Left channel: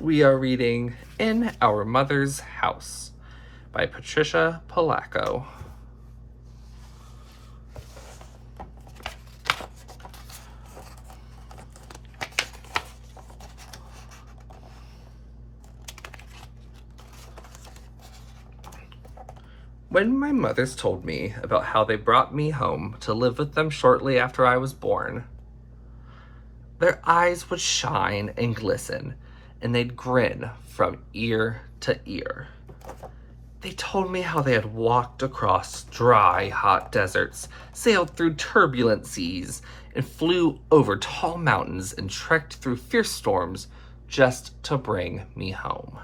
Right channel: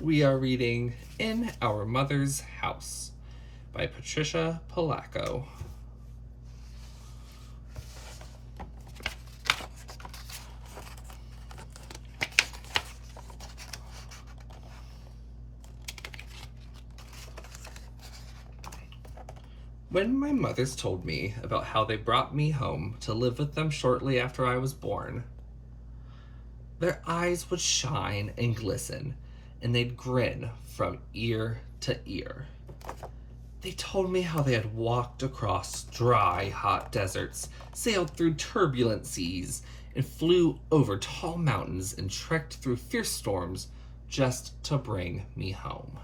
We are reading In Our Mother's House by Patricia Polacco. When my mothers told me about how they brought me home to live with them shortly after I was born, their eyes would shine and glisten, and they'd grin from ear to ear. They told me how they had walked across dry, hot deserts, sailed through turbulent seas, and flew over tall mountains and trekked through fierce storms just to bring me home.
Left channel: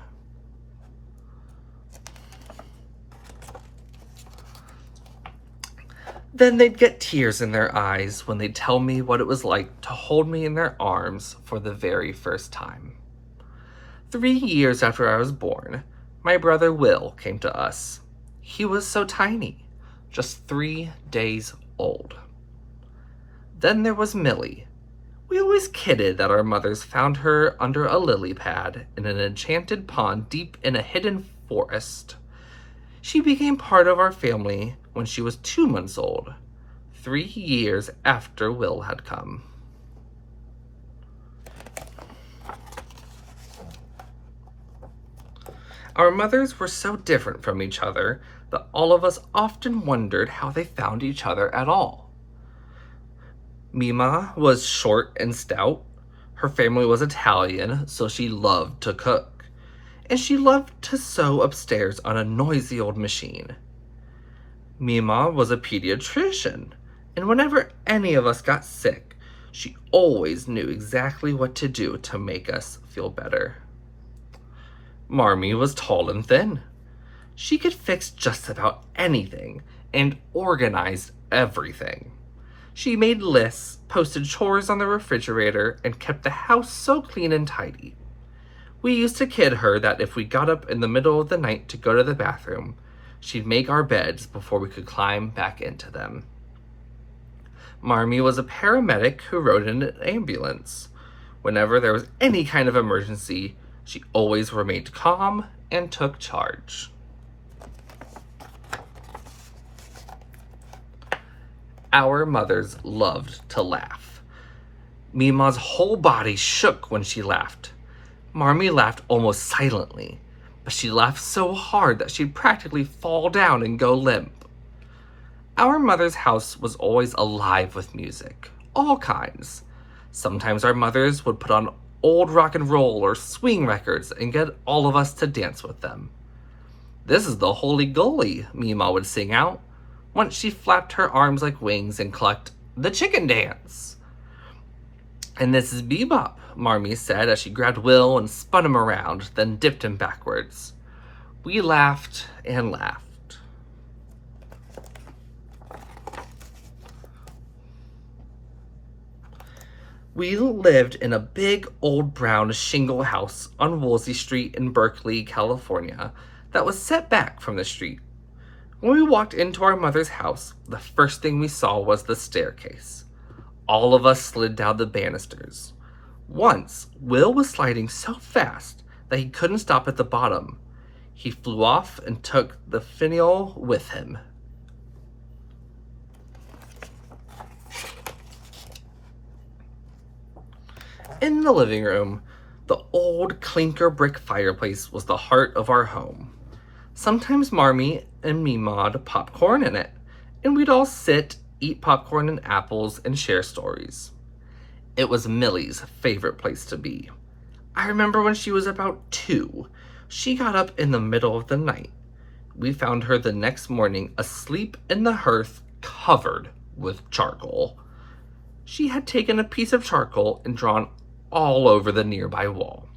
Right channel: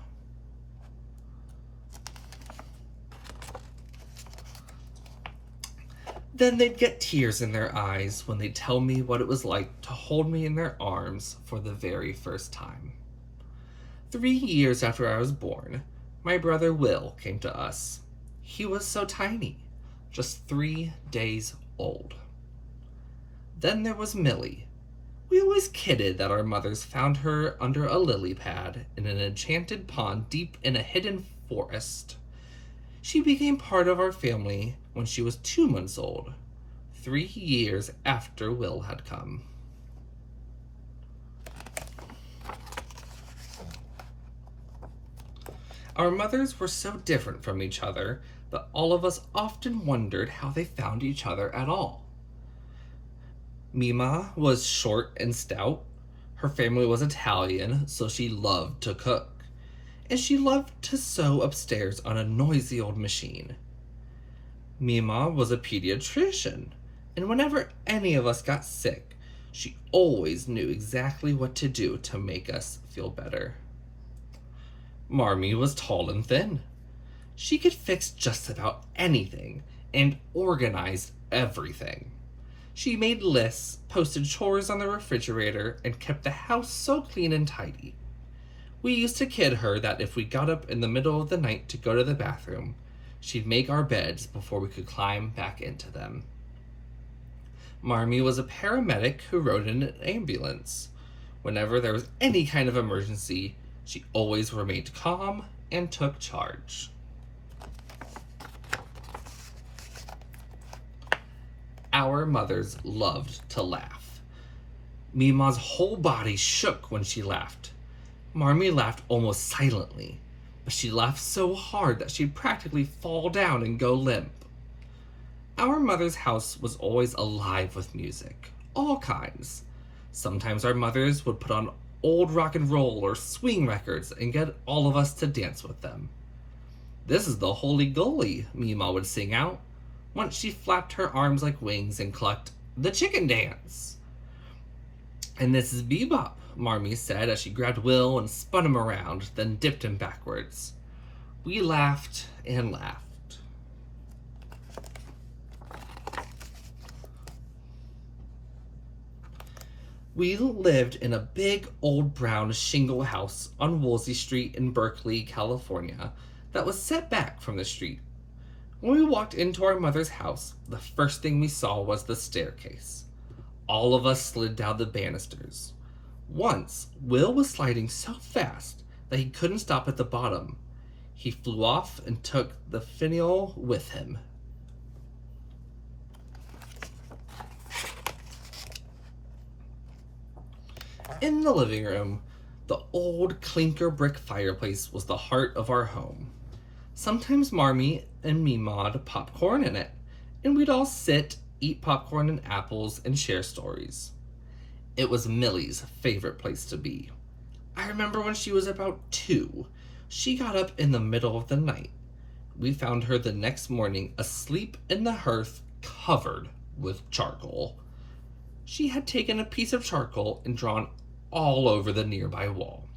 Then they'd get tears in their eyes when they'd tell me what it was like to hold me in their arms for the very first time. 3 years after I was born, my brother Will came to us. He was so tiny, just 3 days old. Then there was Millie. We always kidded that our mothers found her under a lily pad in an enchanted pond deep in a hidden forest. She became part of our family when she was 2 months old, 3 years after Will had come. Our mothers were so different from each other that all of us often wondered how they found each other at all. Mima was short and stout. Her family was Italian, so she loved to cook. And she loved to sew upstairs on a noisy old machine. Mima was a pediatrician, and whenever any of us got sick, she always knew exactly what to do to make us feel better. Marmee was tall and thin. She could fix just about anything and organized everything. She made lists, posted chores on the refrigerator, and kept the house so clean and tidy. We used to kid her that if we got up in the middle of the night to go to the bathroom, she'd make our beds before we could climb back into them. Marmee was a paramedic who rode in an ambulance. Whenever there was any kind of emergency, she always remained calm and took charge. Our mothers loved to laugh. Mima's whole body shook when she laughed. Marmee laughed almost silently, but she laughed so hard that she'd practically fall down and go limp. Our mother's house was always alive with music, all kinds. Sometimes our mothers would put on old rock and roll or swing records and get all of us to dance with them. "This is the Holy Goalie," Mima would sing out. Once she flapped her arms like wings and clucked, "The chicken dance." "And this is Bebop," Marmee said as she grabbed Will and spun him around, then dipped him backwards. We laughed and laughed. We lived in a big old brown shingle house on Woolsey Street in Berkeley, California, that was set back from the street. When we walked into our mother's house, the first thing we saw was the staircase. All of us slid down the banisters. Once, Will was sliding so fast that he couldn't stop at the bottom. He flew off and took the finial with him. In the living room, the old clinker brick fireplace was the heart of our home. Sometimes Marmee and Mima'd popcorn in it, and we'd all sit, eat popcorn and apples, and share stories. It was Millie's favorite place to be. I remember when she was about 2, she got up in the middle of the night. We found her the next morning asleep in the hearth, covered with charcoal. She had taken a piece of charcoal and drawn all over the nearby wall.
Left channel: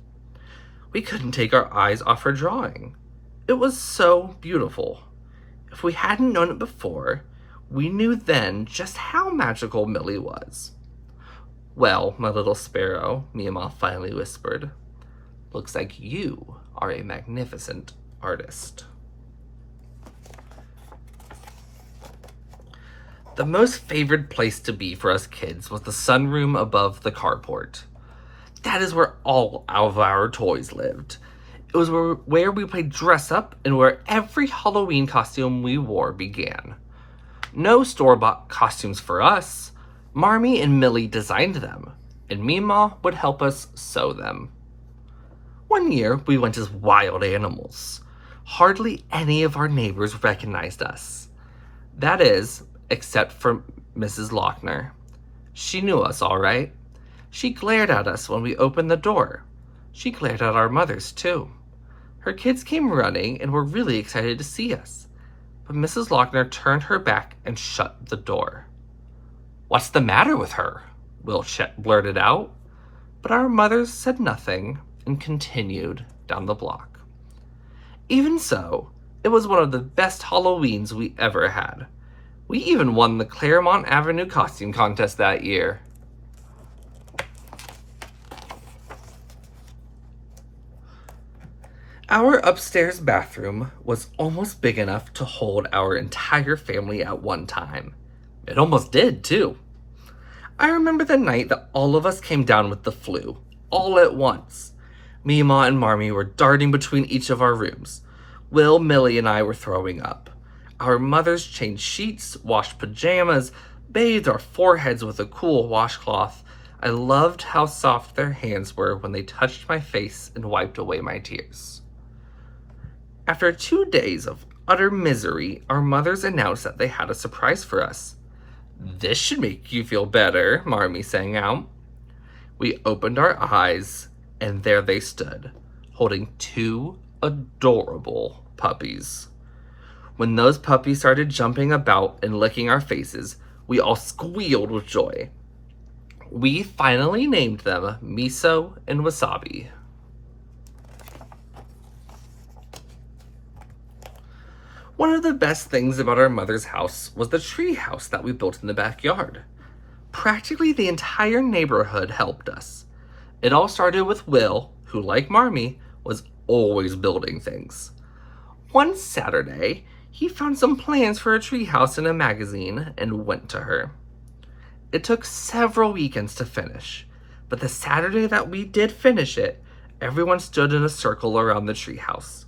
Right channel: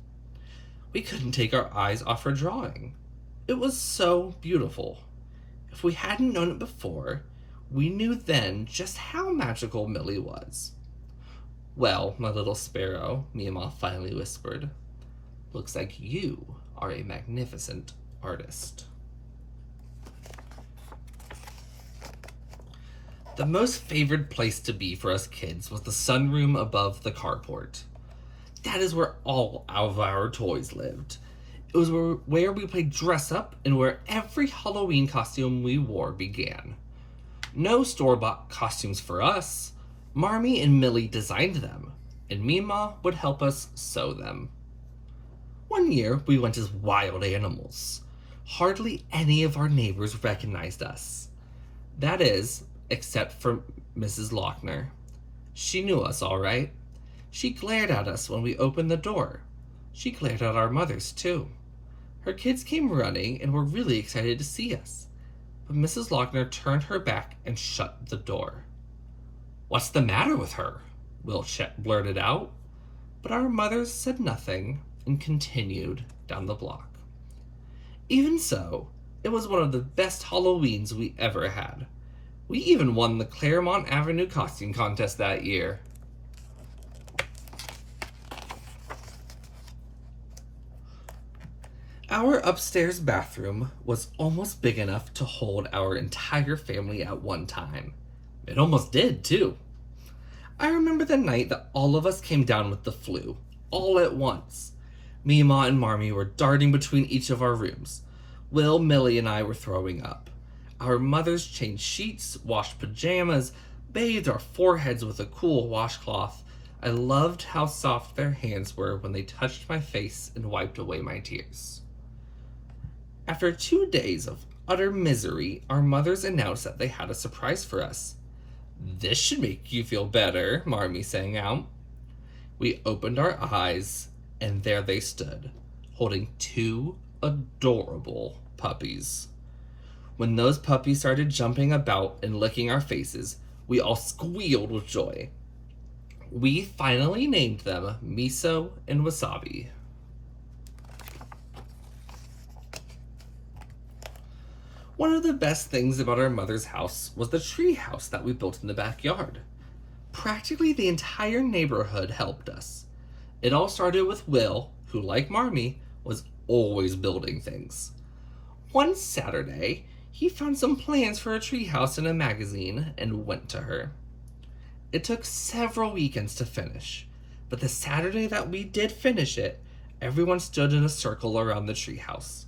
We couldn't take our eyes off her drawing. It was so beautiful. If we hadn't known it before, we knew then just how magical Millie was. "Well, my little sparrow," Mima finally whispered, "looks like you are a magnificent artist." The most favored place to be for us kids was the sunroom above the carport. That is where all of our toys lived. It was where we played dress up and where every Halloween costume we wore began. No store-bought costumes for us. Marmee and Millie designed them, and Mima would help us sew them. One year, we went as wild animals. Hardly any of our neighbors recognized us. That is, except for Mrs. Lochner. She knew us all right. She glared at us when we opened the door. She glared at our mothers, too. Her kids came running and were really excited to see us. But Mrs. Lochner turned her back and shut the door. "What's the matter with her?" Will blurted out. But our mothers said nothing and continued down the block. Even so, it was one of the best Halloweens we ever had. We even won the Claremont Avenue costume contest that year. Our upstairs bathroom was almost big enough to hold our entire family at one time. It almost did, too. I remember the night that all of us came down with the flu, all at once. Mima and Marmee were darting between each of our rooms. Will, Millie, and I were throwing up. Our mothers changed sheets, washed pajamas, bathed our foreheads with a cool washcloth. I loved how soft their hands were when they touched my face and wiped away my tears. After 2 days of utter misery, our mothers announced that they had a surprise for us. "This should make you feel better," Marmee sang out. We opened our eyes, and there they stood, holding 2 adorable puppies. When those puppies started jumping about and licking our faces, we all squealed with joy. We finally named them Miso and Wasabi. One of the best things about our mother's house was the tree house that we built in the backyard. Practically the entire neighborhood helped us. It all started with Will, who, like Marmee, was always building things. One Saturday, he found some plans for a treehouse in a magazine and went to her. It took several weekends to finish, but the Saturday that we did finish it, everyone stood in a circle around the treehouse.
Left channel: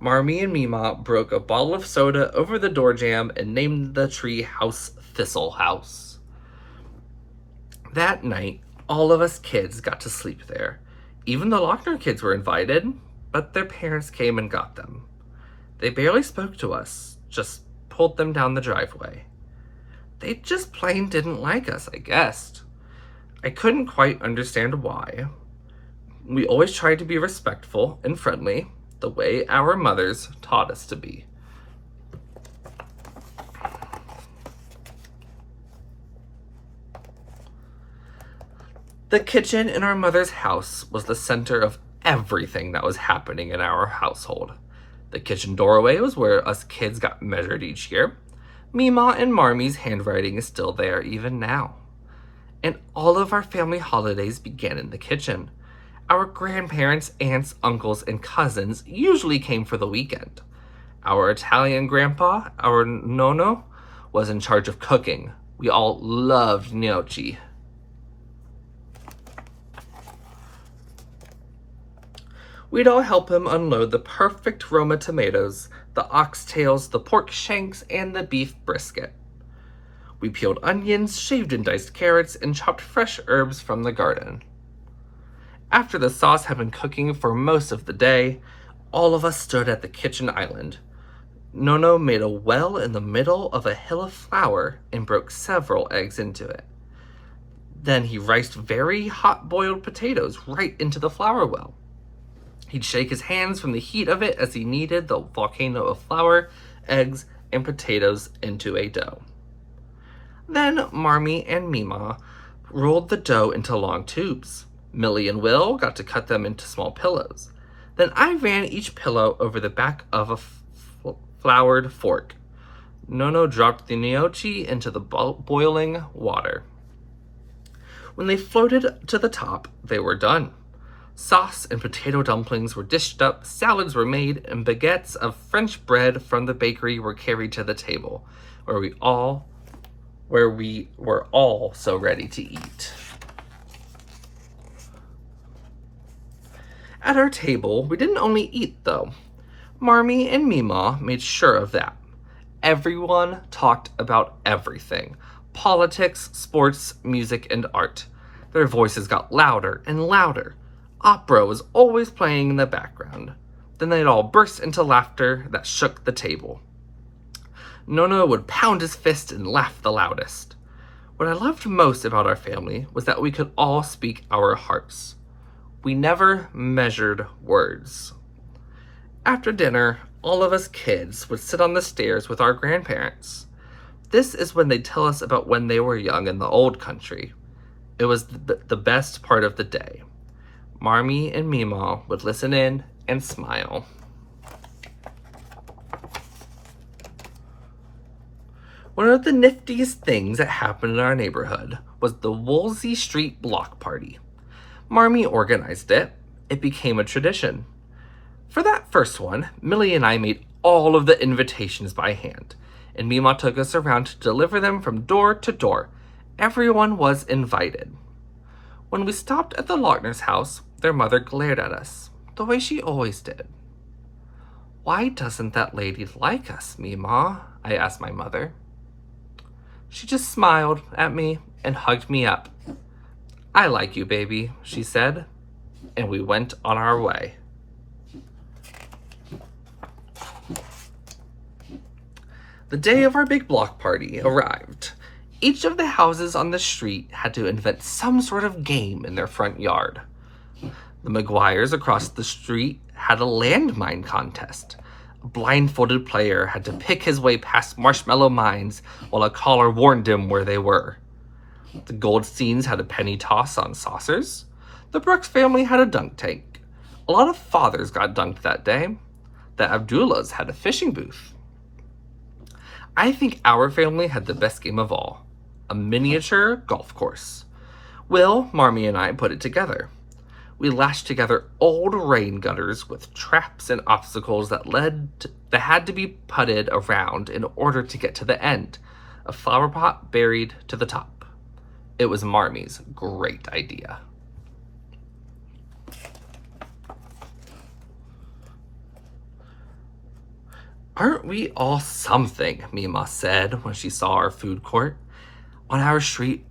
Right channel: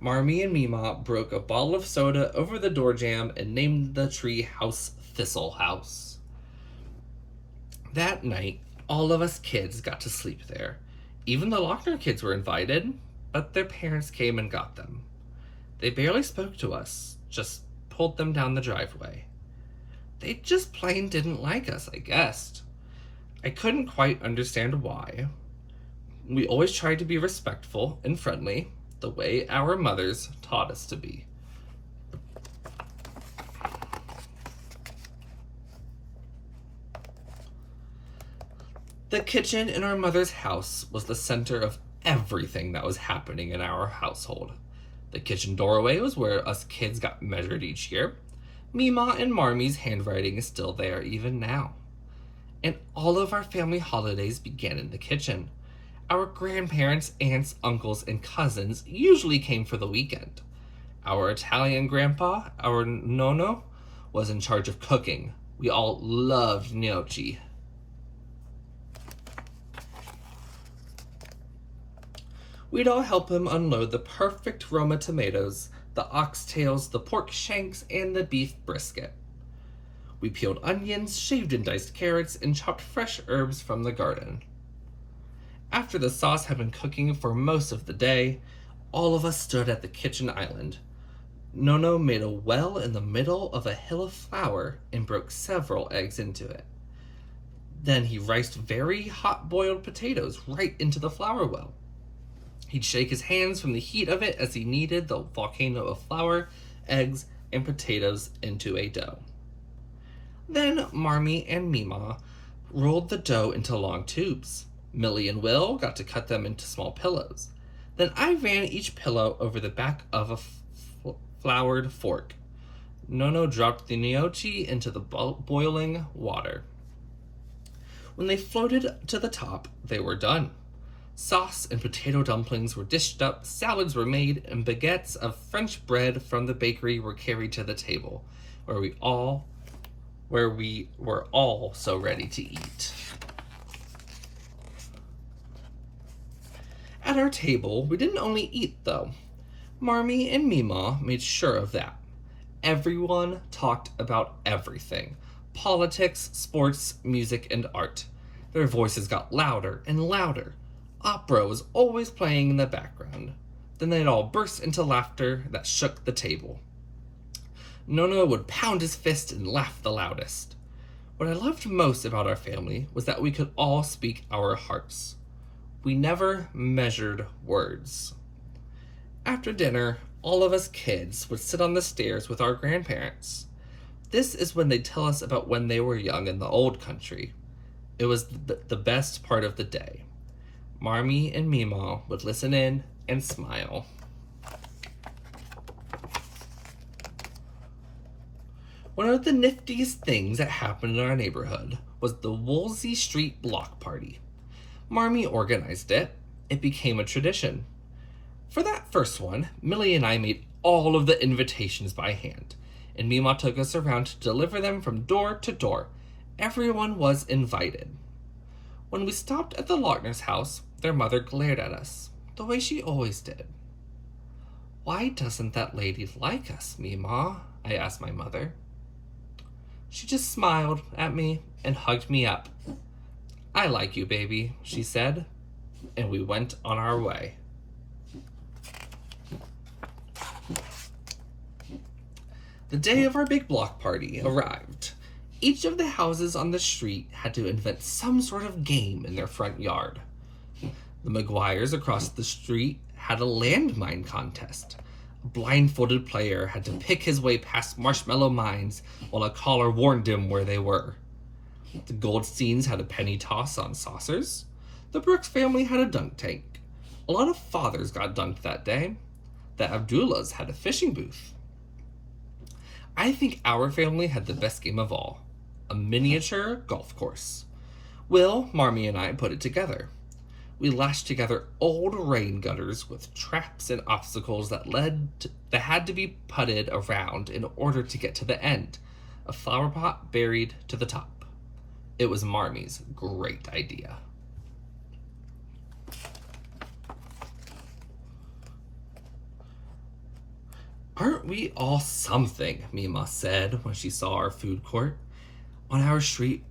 Marmee and Mima broke a bottle of soda over the door jamb and named the tree house Thistle House. That night, all of us kids got to sleep there. Even the Lochner kids were invited, but their parents came and got them. They barely spoke to us, just pulled them down the driveway. They just plain didn't like us, I guessed. I couldn't quite understand why. We always tried to be respectful and friendly, the way our mothers taught us to be. The kitchen in our mother's house was the center of everything that was happening in our household. The kitchen doorway was where us kids got measured each year. Mima and Marmee's handwriting is still there even now. And all of our family holidays began in the kitchen. Our grandparents, aunts, uncles, and cousins usually came for the weekend. Our Italian grandpa, our nonno, was in charge of cooking. We all loved gnocchi. We'd all help him unload the perfect Roma tomatoes, the oxtails, the pork shanks, and the beef brisket. We peeled onions, shaved and diced carrots, and chopped fresh herbs from the garden. After the sauce had been cooking for most of the day, all of us stood at the kitchen island. Nonno made a well in the middle of a hill of flour and broke several eggs into it. Then he riced very hot boiled potatoes right into the flour well. He'd shake his hands from the heat of it as he kneaded the volcano of flour, eggs, and potatoes into a dough. Then Marmee and Mima rolled the dough into long tubes. Millie and Will got to cut them into small pillows. Then I ran each pillow over the back of a floured fork. Nonno dropped the gnocchi into the boiling water. When they floated to the top, they were done. Sauce and potato dumplings were dished up, salads were made, and baguettes of French bread from the bakery were carried to the table, where we were all so ready to eat. At our table, we didn't only eat, though. Marmee and Mima made sure of that. Everyone talked about everything: politics, sports, music, and art. Their voices got louder and louder. Opera was always playing in the background. Then they'd all burst into laughter that shook the table. Nono would pound his fist and laugh the loudest. What I loved most about our family was that we could all speak our hearts. We never measured words. After dinner, all of us kids would sit on the stairs with our grandparents. This is when they'd tell us about when they were young in the old country. It was the best part of the day. Marmee and Mima would listen in and smile. One of the niftiest things that happened in our neighborhood was the Woolsey Street Block Party. Marmee organized it. It became a tradition. For that first one, Millie and I made all of the invitations by hand, and Mima took us around to deliver them from door to door. Everyone was invited. When we stopped at the Lochner's house, their mother glared at us, the way she always did. "Why doesn't that lady like us, Mima?" I asked my mother. She just smiled at me and hugged me up. "I like you, baby," she said, and we went on our way. The day of our big block party arrived. Each of the houses on the street had to invent some sort of game in their front yard. The McGuires across the street had a landmine contest. A blindfolded player had to pick his way past marshmallow mines while a caller warned him where they were. The Goldsteins had a penny toss on saucers. The Brooks family had a dunk tank. A lot of fathers got dunked that day. The Abdullahs had a fishing booth. I think our family had the best game of all: a miniature golf course. Will, Marmee, and I put it together. We lashed together old rain gutters with traps and obstacles that had to be putted around in order to get to the end, a flower pot buried to the top. It was Marmee's great idea. "Aren't we all something?" Mima said when she saw our food court. "On our street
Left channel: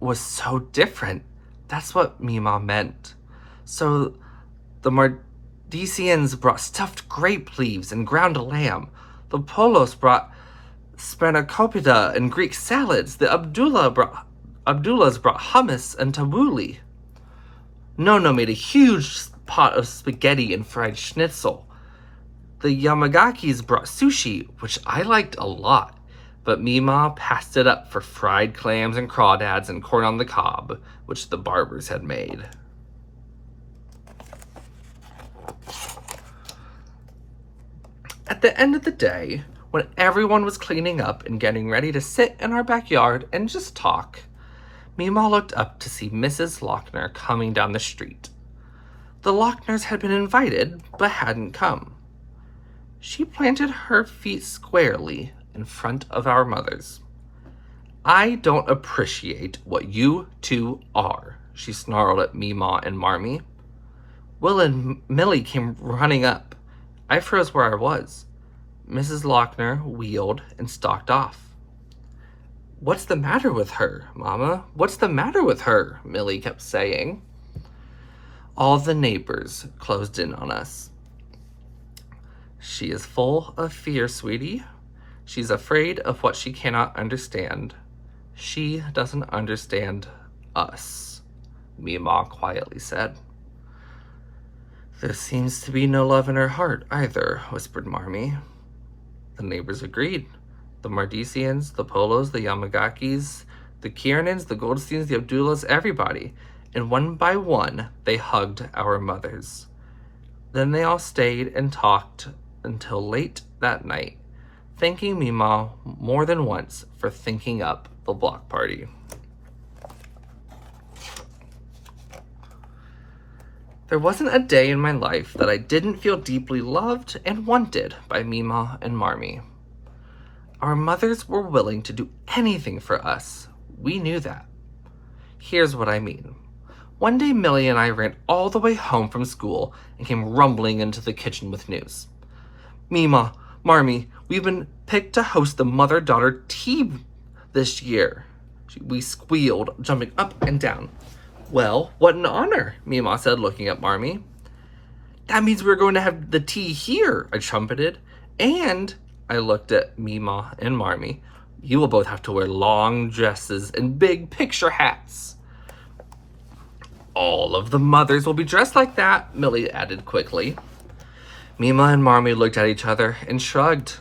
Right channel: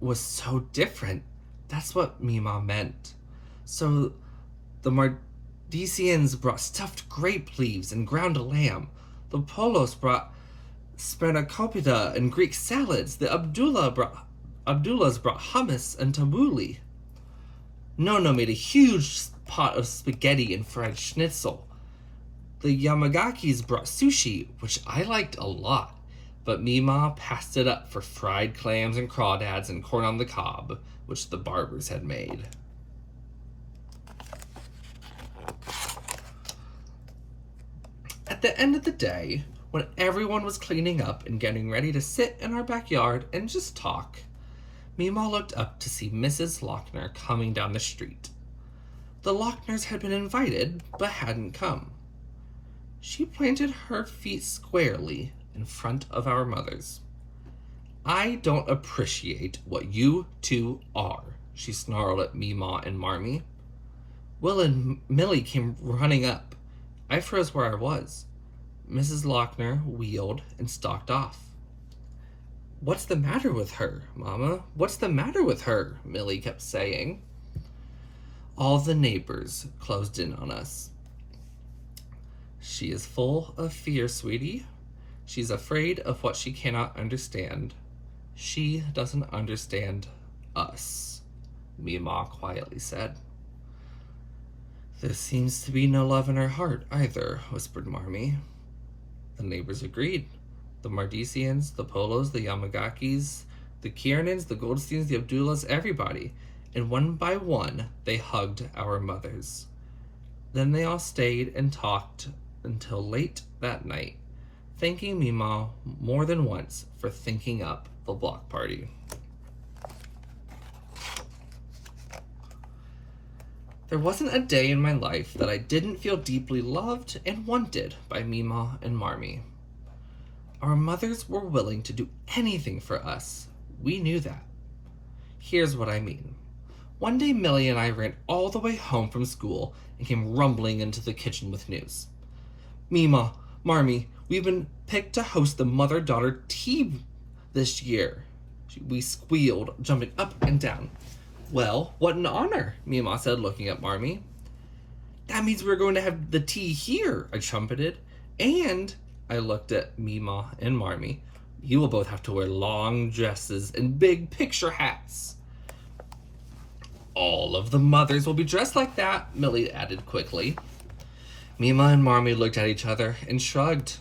was so different." That's what Mima meant. So the Mardisians brought stuffed grape leaves and ground lamb. The Polos brought spanakopita and Greek salads. The Abdullahs brought hummus and tabbouleh. Nono made a huge pot of spaghetti and fried schnitzel. The Yamagakis brought sushi, which I liked a lot, but Mima passed it up for fried clams and crawdads and corn on the cob, which the Barbers had made. At the end of the day, when everyone was cleaning up and getting ready to sit in our backyard and just talk, Mima looked up to see Mrs. Lochner coming down the street. The Lochners had been invited, but hadn't come. She planted her feet squarely in front of our mothers. "I don't appreciate what you two are," she snarled at Mima and Marmee. Will and Millie came running up. I froze where I was. Mrs. Lochner wheeled and stalked off. "What's the matter with her, Mama? What's the matter with her?" Millie kept saying. All the neighbors closed in on us. "She is full of fear, sweetie. She's afraid of what she cannot understand. She doesn't understand us," Mima quietly said. "There seems to be no love in her heart either," whispered Marmee. The neighbors agreed. The Mardisians, the Polos, the Yamagakis, the Kiernans, the Goldsteins, the Abdullahs, everybody. And one by one, they hugged our mothers. Then they all stayed and talked until late that night, thanking Mima more than once for thinking up the block party. There wasn't a day in my life that I didn't feel deeply loved and wanted by Mima and Marmee. Our mothers were willing to do anything for us. We knew that. Here's what I mean. One day, Millie and I ran all the way home from school and came rumbling into the kitchen with news. Mima, Marmee, we've been picked to host the mother-daughter tea this year. We squealed, jumping up and down. Well, what an honor, Mima said, looking at Marmee. That means we're going to have the tea here, I trumpeted. And I looked at Mima and Marmee. You will both have to wear long dresses and big picture hats. All of the mothers will be dressed like that, Millie added quickly. Mima and Marmee looked at each other and shrugged.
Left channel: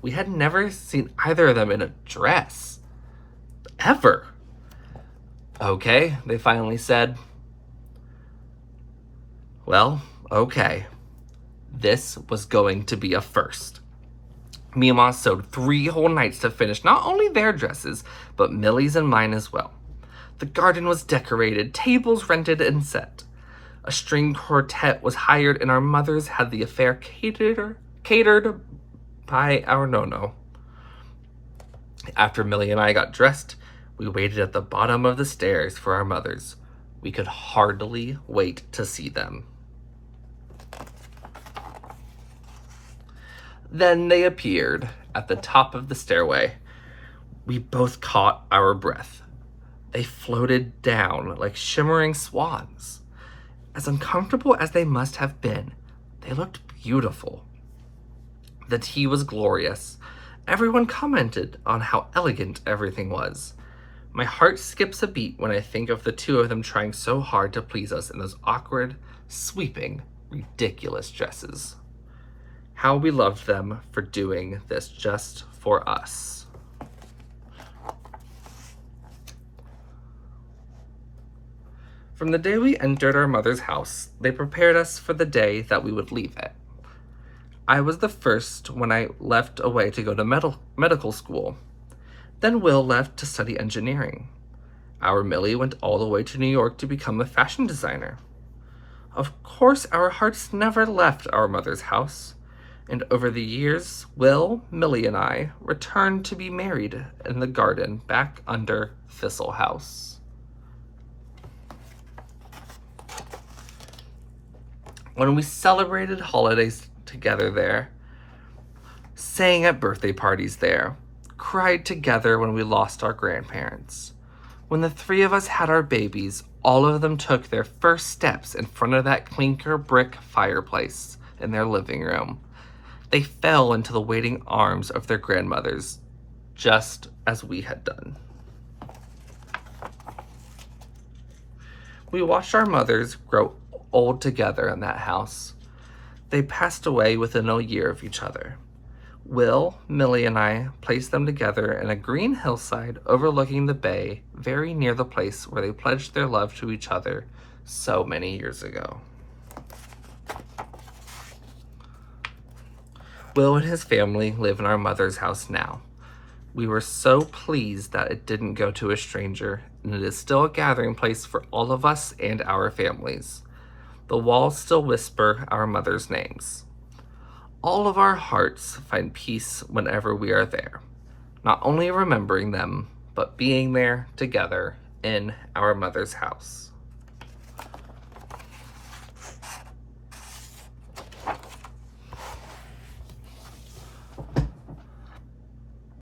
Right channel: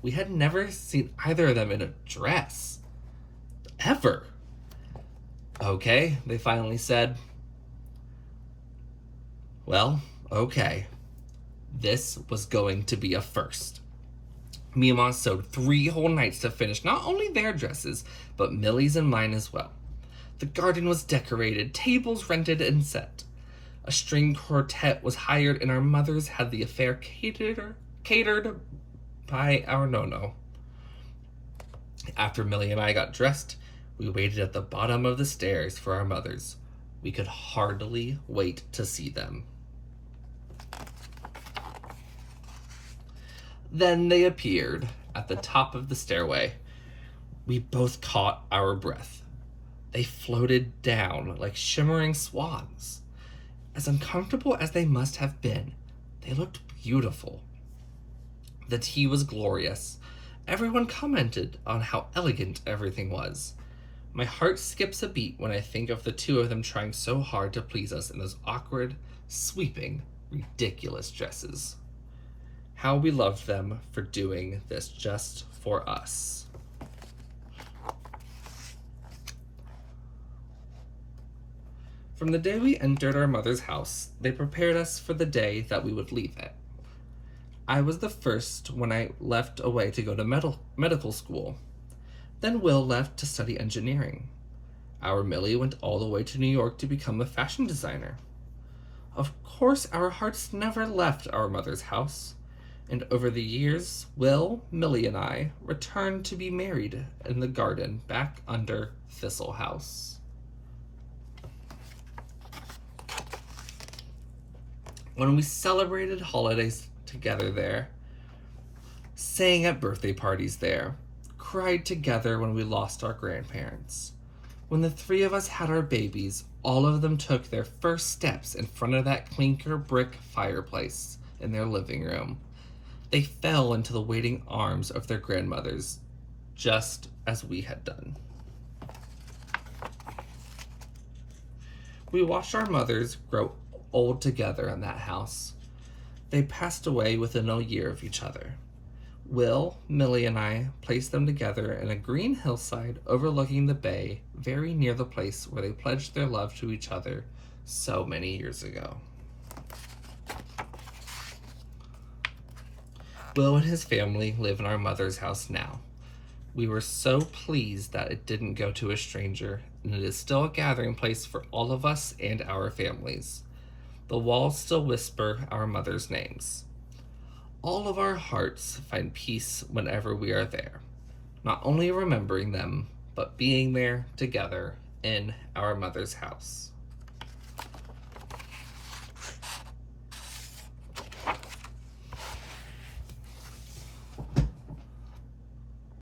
We had never seen either of them in a dress. Ever. Okay, they finally said. Well, okay. This was going to be a first. Mima sewed 3 whole nights to finish not only their dresses, but Millie's and mine as well. The garden was decorated, tables rented and set. A string quartet was hired, and our mothers had the affair catered by our Nono. After Millie and I got dressed, we waited at the bottom of the stairs for our mothers. We could hardly wait to see them. Then they appeared at the top of the stairway. We both caught our breath. They floated down like shimmering swans. As uncomfortable as they must have been, they looked beautiful. The tea was glorious. Everyone commented on how elegant everything was. My heart skips a beat when I think of the 2 of them trying so hard to please us in those awkward, sweeping, ridiculous dresses. How we loved them for doing this just for us. From the day we entered our mother's house, they prepared us for the day that we would leave it. I was the first when I left away to go to medical school. Then Will left to study engineering. Our Millie went all the way to New York to become a fashion designer. Of course, our hearts never left our mother's house, and over the years, Will, Millie, and I returned to be married in the garden back under Thistle House. When we celebrated holidays together there, sang at birthday parties there, cried together when we lost our grandparents. When the 3 of us had our babies, all of them took their first steps in front of that clinker brick fireplace in their living room. They fell into the waiting arms of their grandmothers, just as we had done. We watched our mothers grow old together in that house. They passed away within a year of each other. Will, Millie, and I placed them together in a green hillside overlooking the bay, very near the place where they pledged their love to each other so many years ago. Will and his family live in our mother's house now. We were so pleased that it didn't go to a stranger, and it is still a gathering place for all of us and our families. The walls still whisper our mother's names. All of our hearts find peace whenever we are there, not only remembering them, but being there together in our mother's house.